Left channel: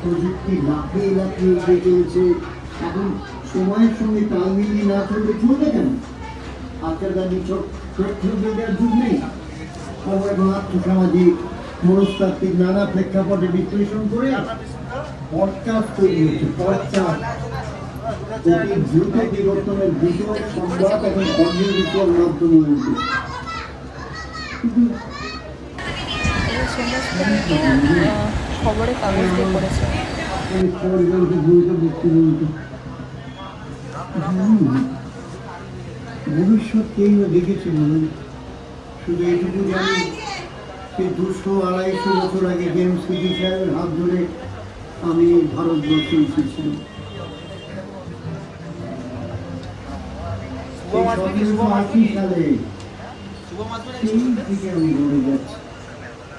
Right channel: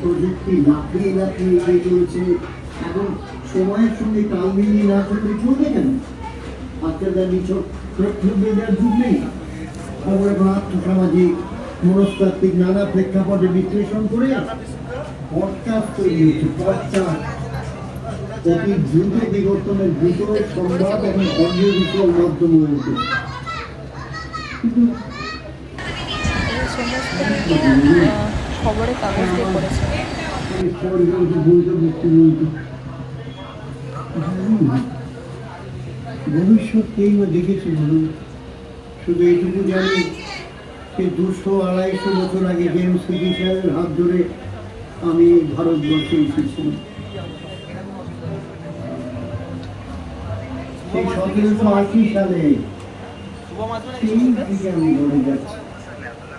প্রযুক্তি লাফিয়ে এগিয়ে চলেছে এখন সময়ের সঙ্গে তাল না থাকলে চলবে কেন আজকাল দাঁড়িয়ে চোখ তথ্য দেওয়ার যুগ নেই মনস্তাত্ত্বিক নানা প্রেক্ষাপটে বিশ্লেষণ করে পডকাস্ট তৈরি হচ্ছে পডকাস্ট অতি দ্রুত বিবর্তনের দ্রুত সংবাদ এবং অডিও ভিজুয়াল মাধ্যম হয়েছে এই সমস্ত কিন্তু খবরে এই ভবিষ্যৎ দেখেছে শুধু এটুকু জানি যে দুশো আড়াইশো বছর আগে জেমস সিটি সাহেবের হাত ধরে আমি ভারতবর্ষে এসেছিলাম সেই সতেরোশো আশি সালে সেই থেকে আমি ঘরে যাচ্ছি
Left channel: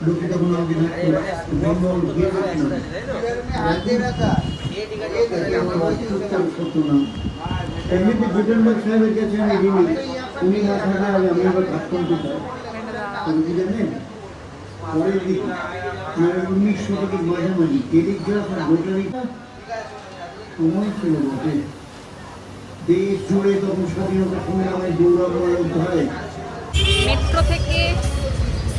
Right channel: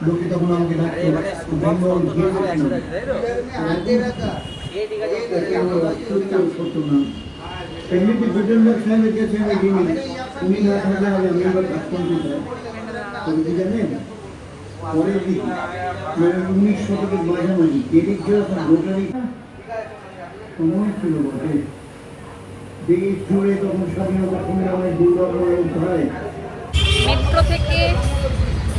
লোকে তখন আমাকে ডাকতো বেঙ্গল গিয়েছিলাম আমার অত্যন্ত সত্য নাম এমনিতে গুটেনবার্গ সাহেবের কাছে আমি যিনি উনি না থাকা হলে আমি আবার কাজ করতে চাই কি জানেন পরের দিকে মানে উনিশ শতকের মাঝামাঝি টেলিগ্রাফ আর রোটারি। সময় ছিল বটে দেশ জুড়ে তখন স্বাধীনতা সংগ্রামের গৌরব অধ্যায় মেট্রো থেকে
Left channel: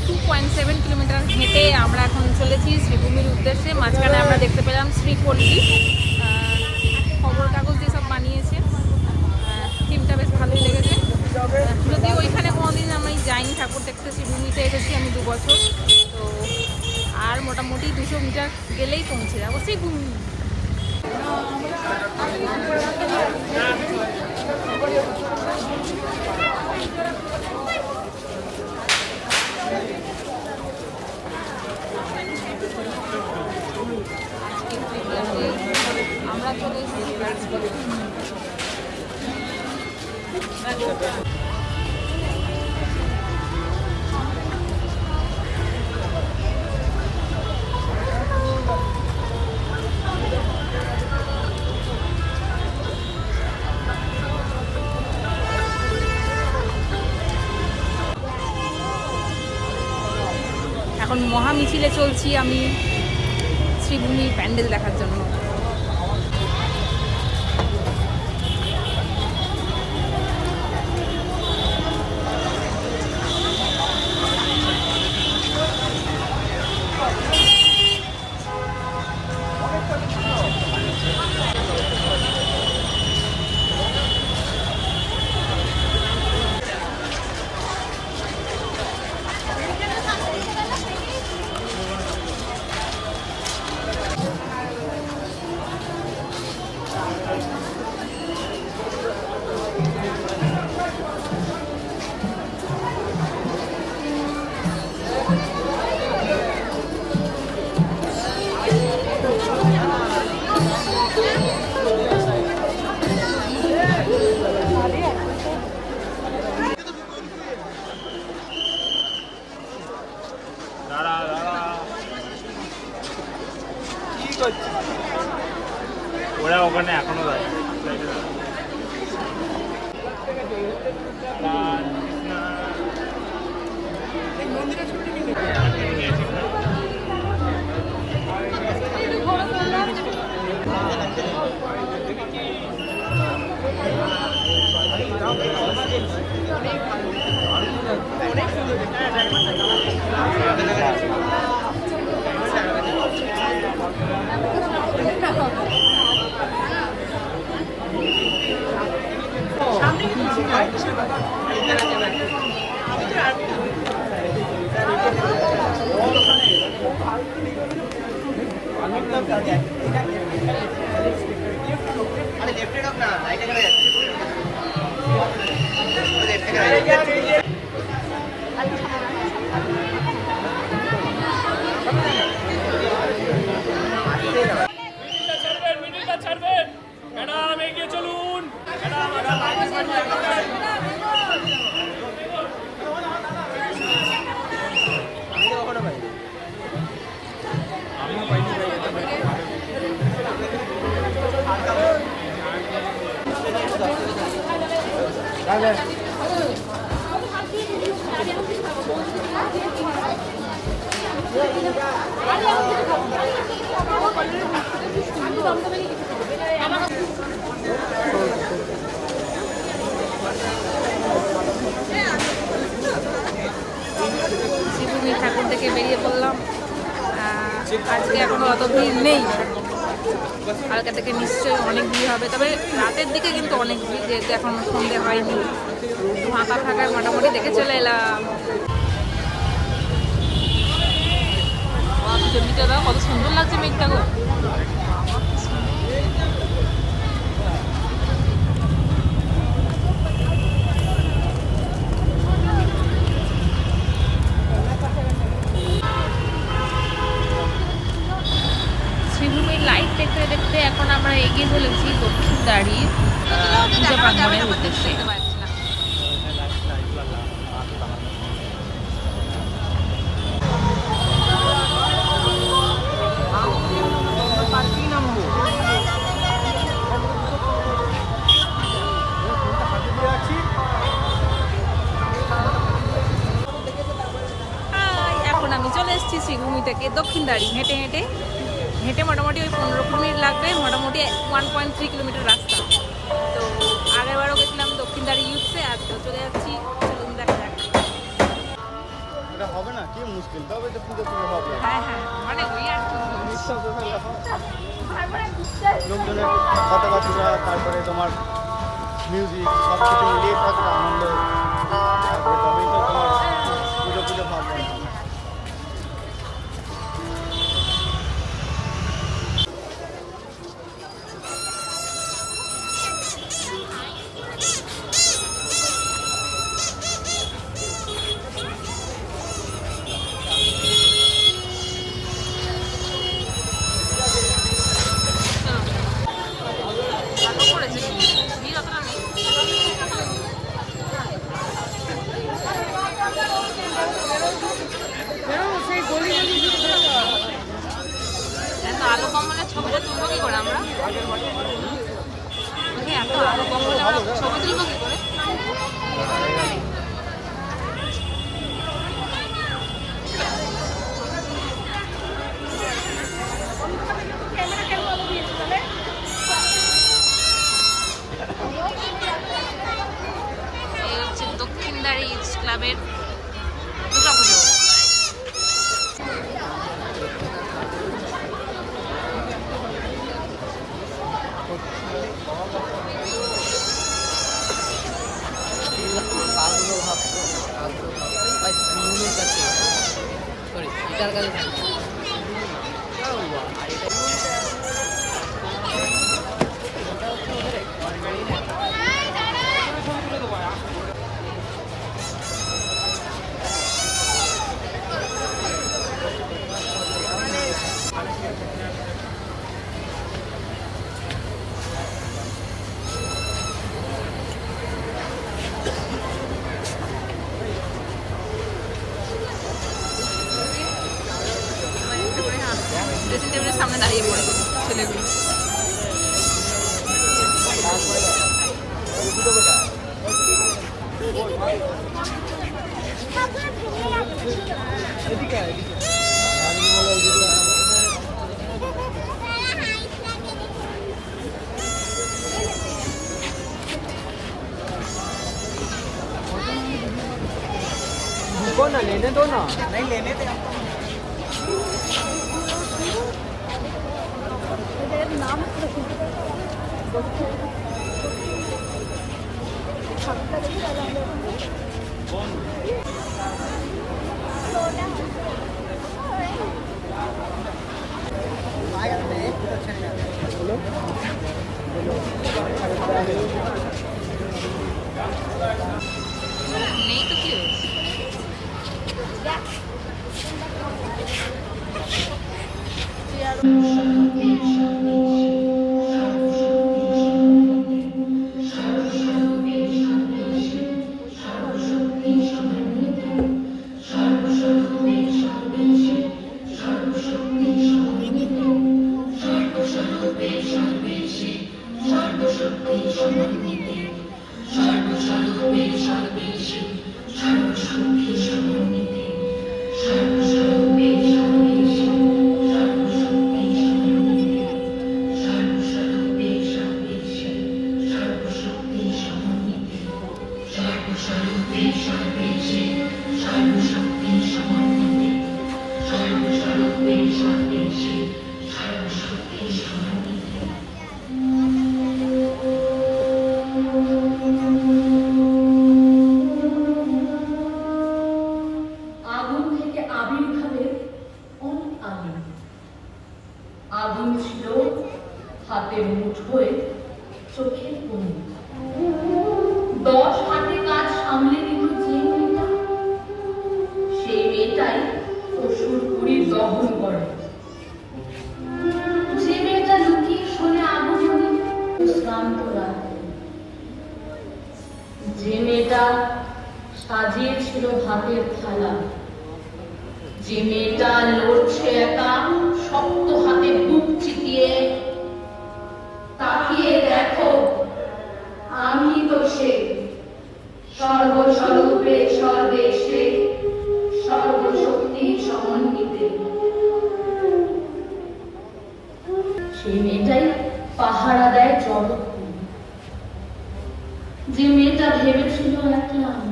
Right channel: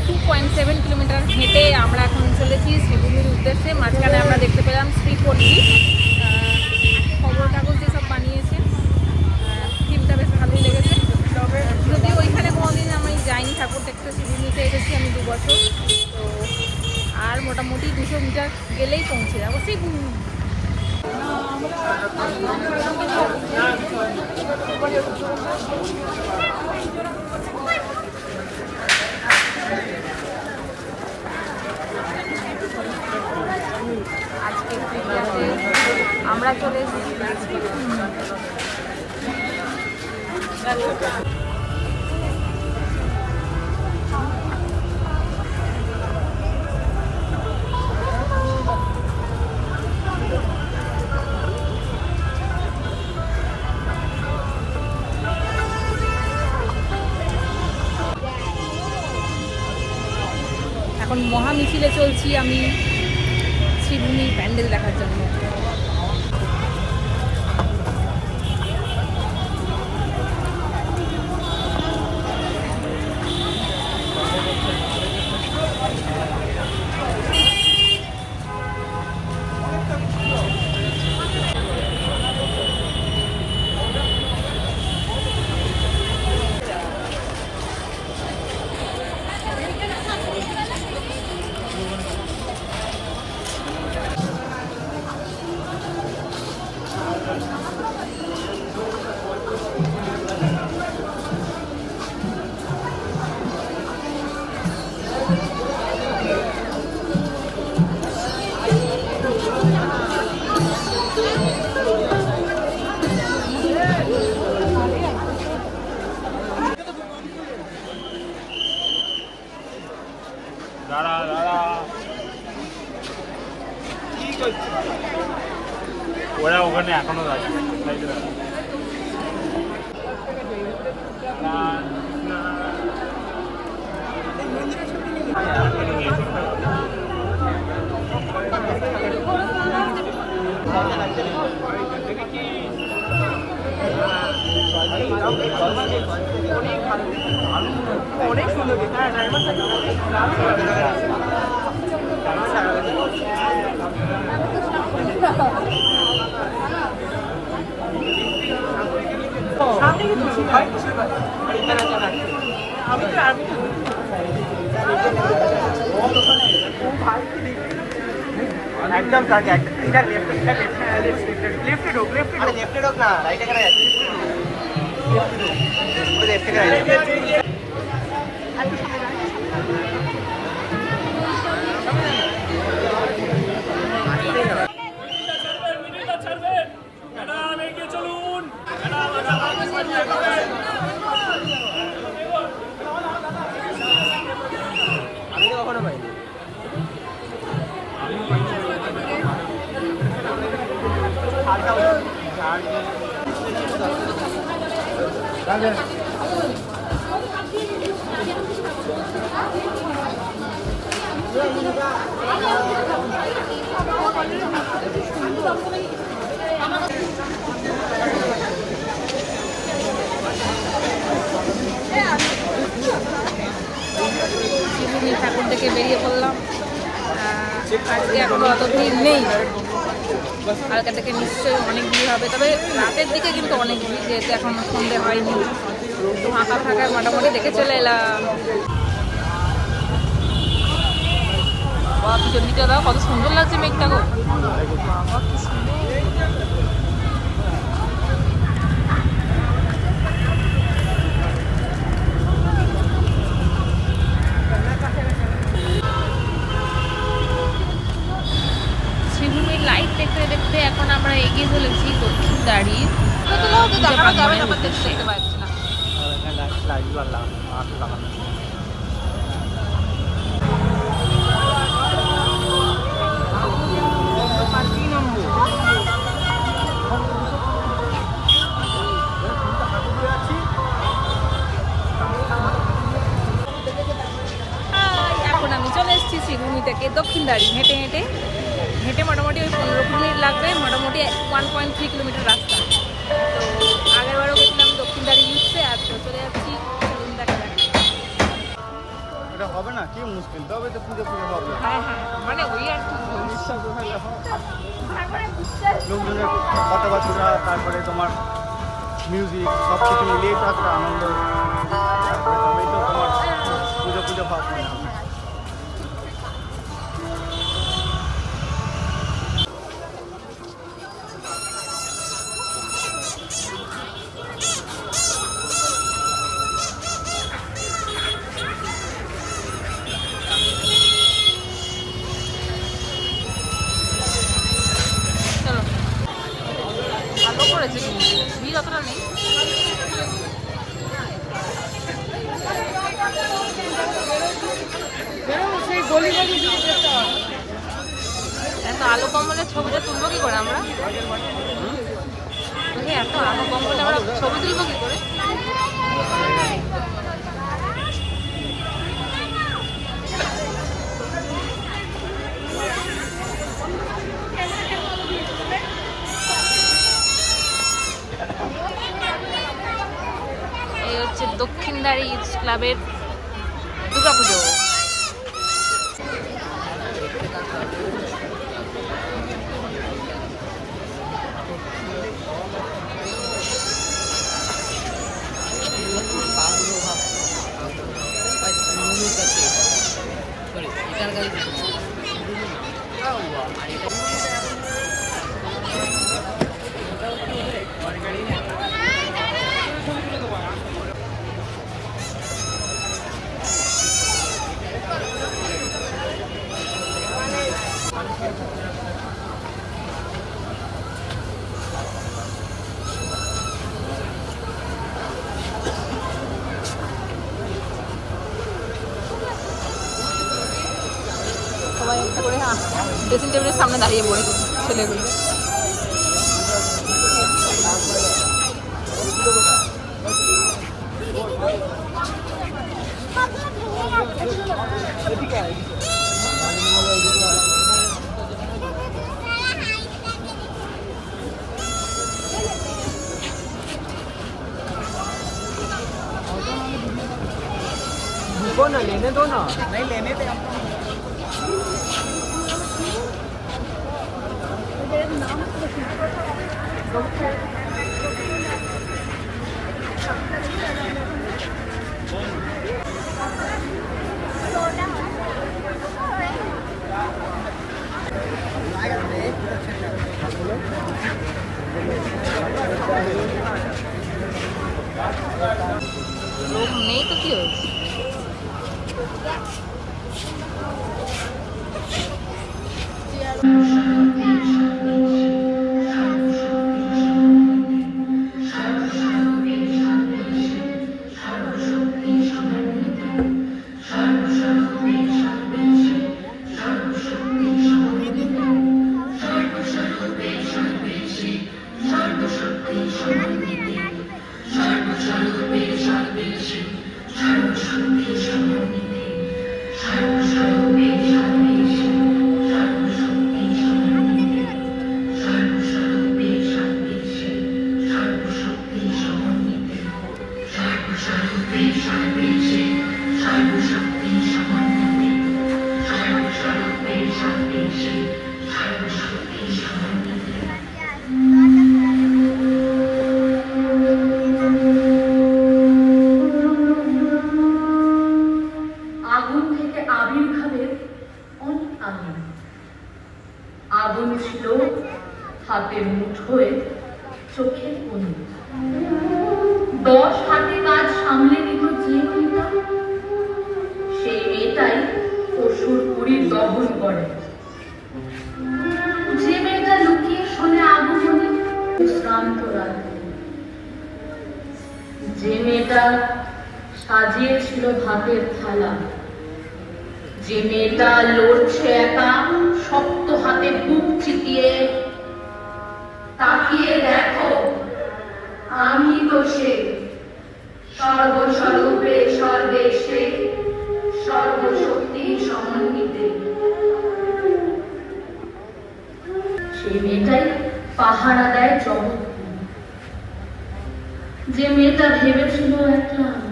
টু পয়েন্ট সেভেন কিলোমিটার হেঁটে আমরা এখন চলেছি সুদিনের উদ্দেশ্যে। মাঝখানে আমরা দেখতে পেলাম শ্রীপল্লী। আহ, খবর কাগজ যেসব বানিয়েছে থিমটা বেশ ভালোই লেগেছে। যদি ওইখানে কোনোদিন আমি যাইনি ঠাকুর দেখতে সুদিনীতে এসেছি আমি দু বছর। তো আর মোটামুটি দুশো মিটার গেলেই পৌঁছে যাব। সেই মহা মিছিলে চলছি আমি শ্রীভূমি প্যান্ডেল দেখার জন্য। ওখানে এখনো আছে অনেক সুন্দর ঠাকুর থেকে বেরিয়ে পড়লাম। আজকে এখনও অত ভিড় নেই। হালকা থেকে নিশ্চয়ই অনেক ভিড় হবে। তবে রাতের দিকে কিন্তু অনেক ভিড়, যেহেতু এখন সন্ধে হয়নি। একটু ফাঁকা ফাঁকায় মোটামুটি দেখে চলে এলাম। কত সুন্দর লাগছে মেঘটা গো। বাবা কি সুন্দর। এগিয়ে চলেছি দক্ষিণ দাঁড়ির পূজা প্রাঙ্গণের উদ্দেশ্যে। এখন আমি চলে এসেছি শ্রীভূমি থেকে দক্ষিণ দাঁড়ি হেঁটে হেঁটে। হেঁটে মোটামুটি ওই পনেরো কুড়ি মিনিট লাগবে, মোটামুটি ওয়ান পয়েন্ট থ্রি কিলোমিটার রাস্তা। তো আগেরবারও গেছিলাম দক্ষিণ দাঁড়ি ইউসে আর তো চলে যাচ্ছি হ্যাঁ হ্যাঁ মানে ওই আর কি বলছি। তারপরে কিন্তু ভিড় ক্লাবের দুর্গাপুজো। সবাই ড্রেসিং টেবিলের সামনে দাঁড়িয়ে পড়েছে ছেলেগুলো। লোক নেই তো কি হয়েছে সাজিয়েছিল ভাতের থালা। যে মেয়েটা লড়ছে একা, শক্ত হাতে বুক চিতিয়ে, তাকিয়ে দেখো, আমি তো সে। সর্বস্বরূপে, সর্বেশে, সর্বশক্তি সমন্বিতে। সেই মেয়েটাই পাহারা দেয় জগৎকে। যে মেয়েটা ভেবেছিল। যে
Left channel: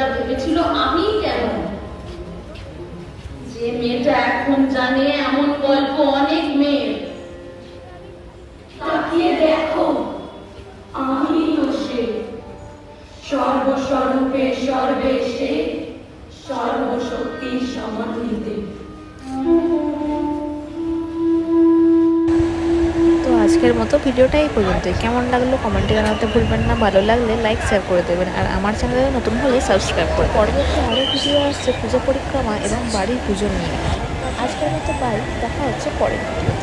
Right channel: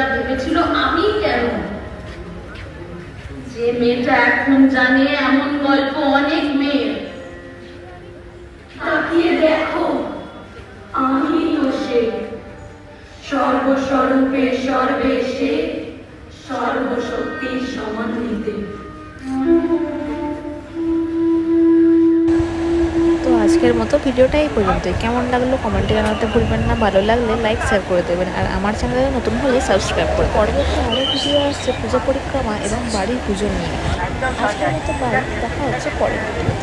মেয়েটা ভেবেছিল, আমি কেন? যে মেয়েটা এখন জানে এমন গল্প অনেক মেয়ের। তাকিয়ে দেখো আমি তো সে। সর্বস্বরূপে সর্বেশে সর্বশক্তি সমন্বিতে আজকের মতো ভিডিওটা এই পর্যন্তই। কেমন লাগল কমেন্টে জানাতে ভুলবেন না। ভালো লাগলে লাইক শেয়ার করে দেবেন। আর আমার চ্যানেলে নতুন হলে সাবস্ক্রাইব করে পরবর্তী আরও ভিডিও আসছে পুজো পরিক্রমা এবং বাড়ির পুজো নিয়ে। আজকের মতো বাড়ি দেখা হচ্ছে পরের ভিডিও